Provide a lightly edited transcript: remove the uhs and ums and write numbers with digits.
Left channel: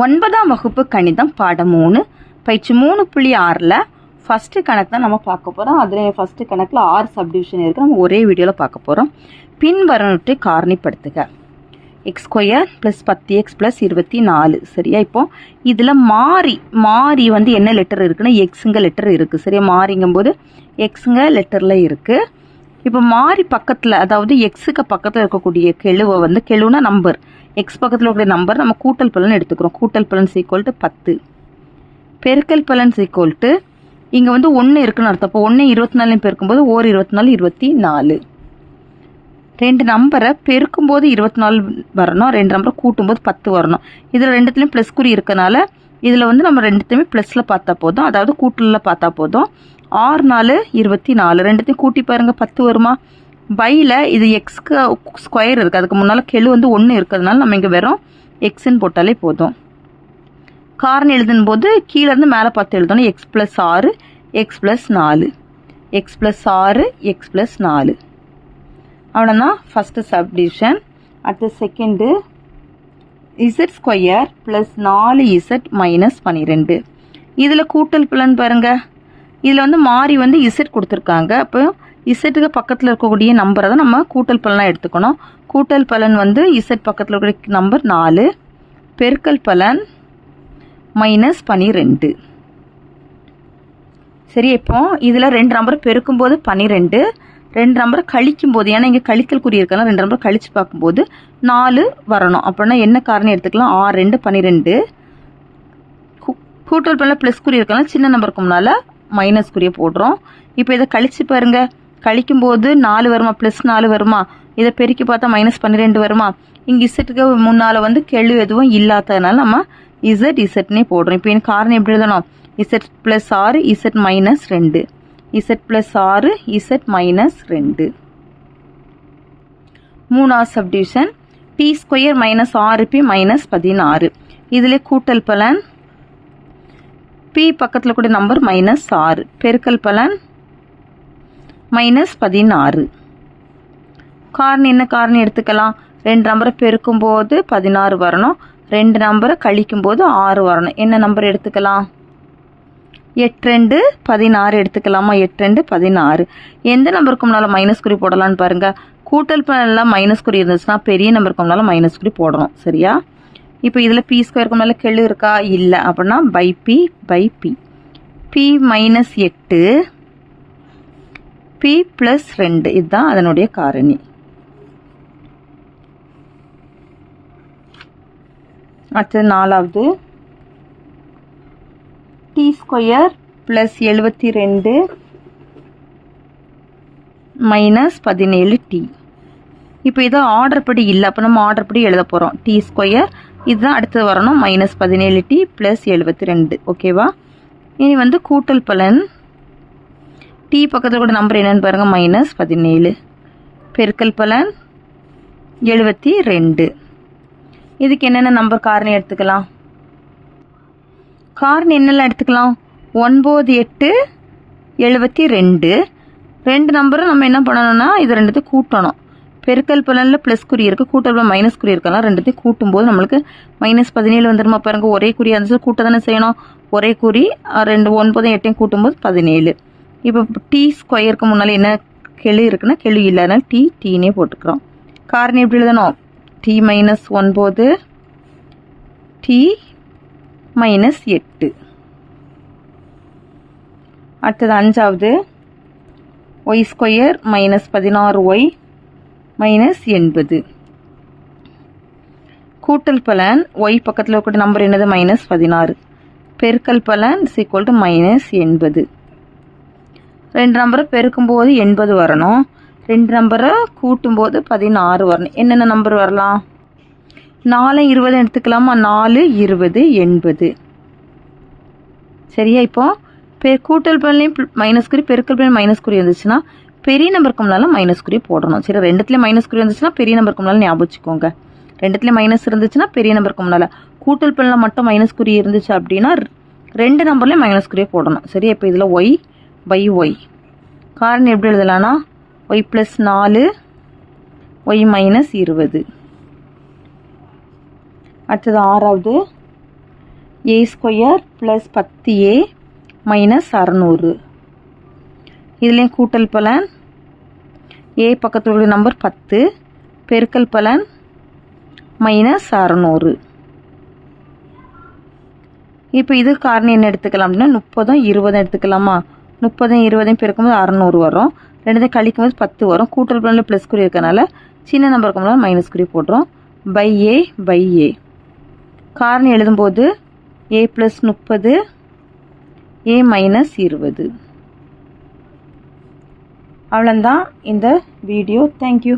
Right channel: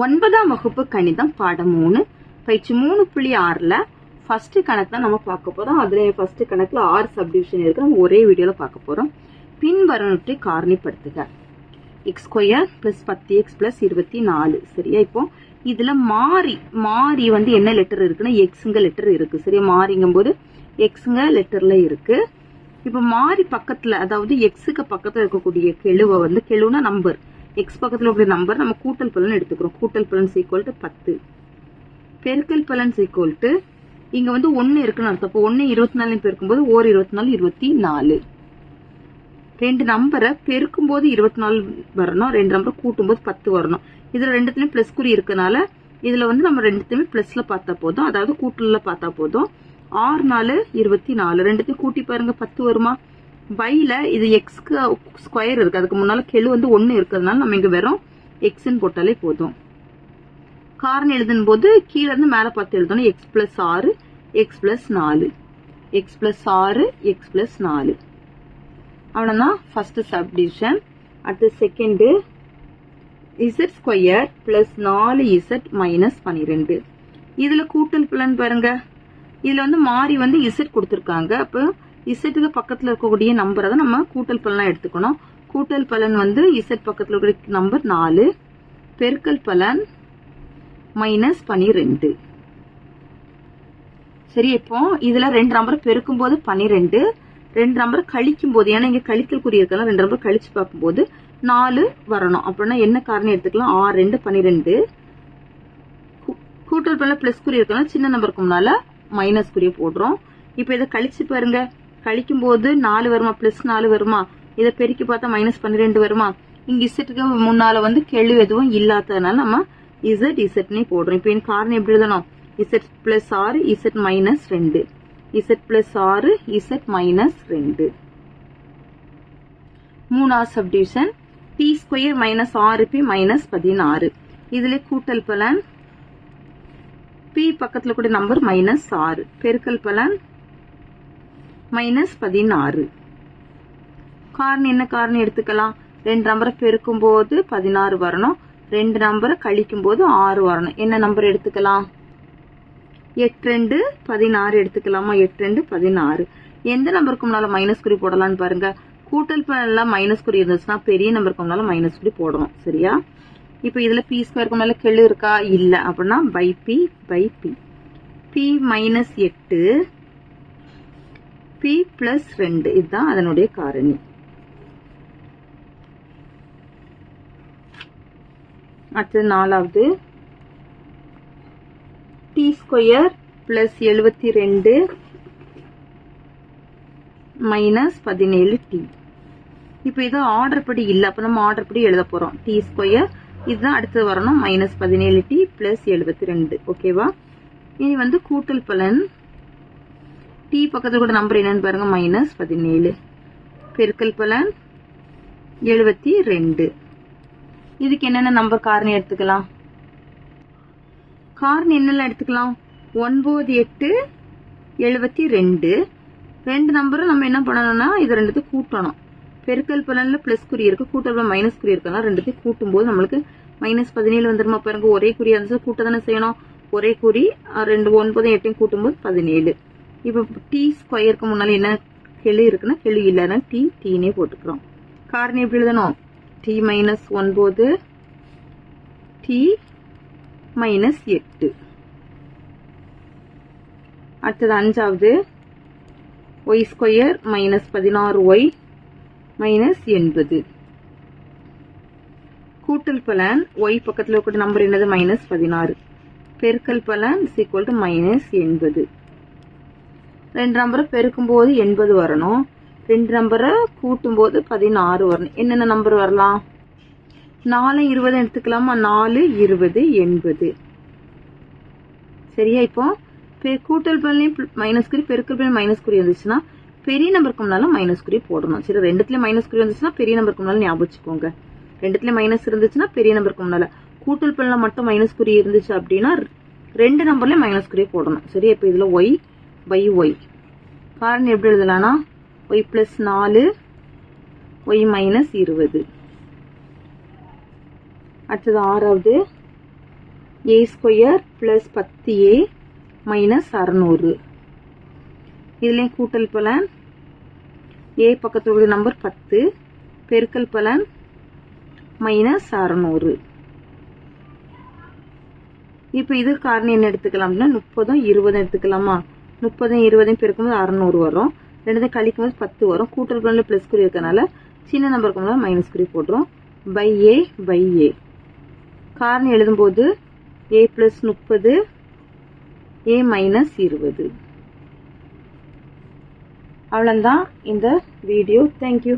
9ஆம் வகுப்பு கணிதம் பாடம் 3 பயிற்சி 3.6ல் ஃபர்ஸ்ட் கணக்கு தான் நம்ம பார்க்க போகிறோம். அதில் ஃபர்ஸ்ட் கணக்கில் 6 சப்டிவிஷன் இருக்குது. நம்ம ஒரே வீடியோவில் பார்க்க போகிறோம். பின்வருவனவற்றை காரணிப்படுத்துக. x² + 10x + 24. சரியா? இப்போ இதில் மாறி வந்து என்ன லெட்டர் இருக்குன்னா எக்ஸுங்க லெட்டர் இருக்குது. சரியா? மாறிங்கும்போது எக்ஸுங்க லெட்டரில் இருக்குது. இப்போ மாறி பக்கத்தில், அதாவது எக்ஸுக்கு பக்கத்தில் இருக்கக்கூடிய கெழுவை வந்து, கெழுனா நம்பர், எக்ஸ் பக்கத்தில் இருக்கிற நம்பர் நம்ம கூட்டல் பலன் எடுத்துக்கிறோம். கூட்டல் பலன் = 10, பெருக்கல் பலன் = இங்கே வந்து 1 இருக்குன்னு அர்த்தம். அப்போ 1 24 பெருக்கும்போது 1 24 24. ரெண்டு நம்பரை பெருக்கும்போது 24 வரணும், ரெண்டு நம்பரை கூட்டும்போது 10 வரணும். இதில் ரெண்டுத்துலேயும் ப்ளஸ் குறி இருக்கனால இதில் வந்து நம்ம ரெண்டுத்தையுமே ப்ளஸில் பார்த்தா போதும், அதாவது கூட்டலில் பார்த்தா போதும். 6 4 24, ரெண்டுத்தையும் கூட்டி பாருங்கள் 10 வருமா? பையில் இது எக்ஸ்க்கு ஸ்கொயர் இருக்குது, அதுக்கு முன்னால் கெழு வந்து 1 இருக்கிறதுனால நம்ம இங்கே வெறும் எக்ஸ்ன்னு போட்டாலே போதும். காரணம் எழுதும் போது கீழேருந்து மேலே பார்த்து எழுதணும். x + 6 x + 4, x + 6 x + 4. அவ்வளோதான் ஃபஸ்ட்டு சப்டிவிஷன். அடுத்து செகண்டு, z² + 4z - 12. இதில் கூட்டல் பலன் பாருங்கள். இதில் வந்து மாறி வந்து z கொடுத்துருக்காங்க. அப்போ இசட்டுக்கு பக்கத்தில் இருக்கக்கூடிய நம்பரை தான் நம்ம கூட்டல் பலனாக எடுத்துக்கணும். கூட்டல் பலன் வந்து z பக்கத்தில் இருக்கக்கூடிய நம்பர் 4, பெருக்கல் பலன் -12. சரி, இப்போ இதில் ரெண்டு நம்பரை பெருக்கும்போது 12, ரெண்டு நம்பரை கழிக்கும் போது, ஏன்னா இங்கே கழித்தல் குறி இருக்கலாம், ரெண்டு நம்பரை கழித்து பார்க்கும்போது 4 வரணும். அப்படின்னா என்ன காரணம் எடுத்துக்கலாம்? 6 2 12. கூட்டல் பலன் ப்ளஸ் குறி இருக்கலாம், சின்ன நம்பருக்கு முன்னால் மைனஸ் குறியை போடுறோம். இப்போ இதை கழித்து பாருங்கள். கழிக்கும்போது 4 வருமா? +4 வருமா? இதை பெருக்கி பார்த்தா -12 வருமா? இங்கே இசட்டுக்கு முன்னால் வந்து கெழு எதுவும் இல்லாததுனால நம்ம இசட்னே போடுறோம். இப்போ எனக்கு காரணம் எப்படி எழுதணும்? z + 6 z - 2, z + 6 z - 2. மூணாவது சப்டிவிஷன், t² - 6p - 16. இதில் கூட்டல் பலன் p பக்கத்தில் கூட நம்பர் -6, பெருக்கல் பலன் -16. காரணம் என்ன காரணம் எடுத்துக்கலாம்? ரெண்டு நம்பரை பெருக்கும்போது 16 வரணும், ரெண்டு நம்பரை கழிக்கும்போது 6 வரணும். என்ன நம்பர் எடுத்துக்கலாம்? 8 2 16 எடுத்துக்கலாமா? 8 2 16. எந்த நம்பருக்கு முன்னால் மைனஸ் குறி போடலான்னு பாருங்கள். கூட்டல் பலன்லாம் மைனஸ் குறி இருந்துச்சுன்னா பெரிய நம்பருக்கு முன்னால் மைனஸ் குறி போடணும். சரியா? இப்போ இதில் p² மேலே கெழு இருக்கா? இல்லை. அப்படின்னா p -8 p + 2, இதுதான் அதனுடைய காரணி. அடுத்தது நாலாவது, t² + 72 - 17t. இப்போ இது ஆர்டர் படி இல்லை, அப்போ நம்ம ஆர்டர் படி எழுத போகிறோம். t² இதுதான் அடுத்தது வரணும், -17t + 72. ஓகேவா? இனி வந்து கூட்டல் பலன், t பக்கத்தில் கூட நம்பர் என்னன்னு பாருங்கள், -17, பெருக்கல் பலன் 72. இதுக்கு என்னென்ன நம்பர் காரணி எடுத்துக்கலாம்? காரணி என்னெல்லாம் எடுத்துக்கலாம்? 9 8 72. ரெண்டு நம்பரும் நம்ம என்ன பண்ணணும்னா இது ரெண்டுத்தையும் கூட்டணும். பெருக்கல் பலனில் ப்ளஸ் குறி இருக்குது, கூட்டல் பலன் மைனஸ் குறி இருக்கலாம். ரெண்டுத்தையும் கூட்டும்போது நம்மளுக்கு -17 வந்துருமா? பாருங்கள், ஒரே குறி இருந்துச்சு, கூட்ட தானே செய்யணும். ஒரே குறி, 2 9 8 கூட்டும்போது 17. இப்போ t² முன்னால் என்ன கெழு இருக்குன்னா கெழு இல்லை, அதனால tனே போட்டுக்கிறோம். காரணம் எப்படி எழுதணும்? t - 9 t - 8. அடுத்தது அஞ்சாவது, y² - 16y - 80. கூட்டல் பலன் y பக்கத்தில் இருக்கக்கூடிய நம்பர் என்னது? -16, பெருக்கல் பலன் -80. ரெண்டு நம்பரை பெருக்கும்போது 80 வரணும், ரெண்டு நம்பரை கூட்டும்போது 16 வரணும். என்னென்ன நம்பர் வரலாம்? 4 20 எடுத்துக்கலாமா? 4 20 80. சரியா? இப்போ கூட்டல் பலனையும் மைனஸ் குறி, பெருக்கல் பலன் மைனஸ் குறி இருந்துச்சுன்னா பெரிய நம்பருக்கு முன்னால் மைனஸ் குறி போடணும். சரி, ரெண்டுத்துலேயும் மைனஸ் குறி இருந்துச்சுன்னா பெரிய நம்பருக்கு முன்னால் ஞாபகம் வச்சுக்கோங்க. ரெண்டுத்துலேயும் மைனஸ் இருந்துச்சுன்னா பெரிய நம்பருக்கு முன்னால். கூட்டல் பலனில் மட்டும் மைனஸ் குறி இருந்துச்சு அப்படின்னா ரெண்டு நம்பர்லேயும் மைனஸ் குறியை போடணும். சரி, இப்போ இதில் y/y. காரணம் எப்படி எழுதலான்னா y + 4 y - 20. அடுத்தது ஆறாவது, ஏ ஸ்கொயர் ப்ளஸ் 10a மைனஸ் 600. இதுலேயும் கூட்டல் பலன் ஏ பக்கத்தில் உள்ள நம்பர் 10 பெருக்கல் பலன் மைனஸ் 600. இப்போ இது காரணி என்ன எடுத்துக்கலாம் அப்படின்னா 30 20 எடுத்துக்கலாமா? 30 20 பெருக்கும்போது 600 வரும். ரெண்டுத்தையும் கழிக்கும்போது 10 வரும். கூட்டல் பலனில் ப்ளஸ் குறி இருக்கனால சின்ன நம்பர் இருக்கும்போது மைனஸ் குறி போடுறோம். பை ஏ காரணி எழுதும்போது a ப்ளஸ் 30 a மைனஸ் 20. அவ்வளோதான் இந்த வீடியோ. தேங்க்யூ.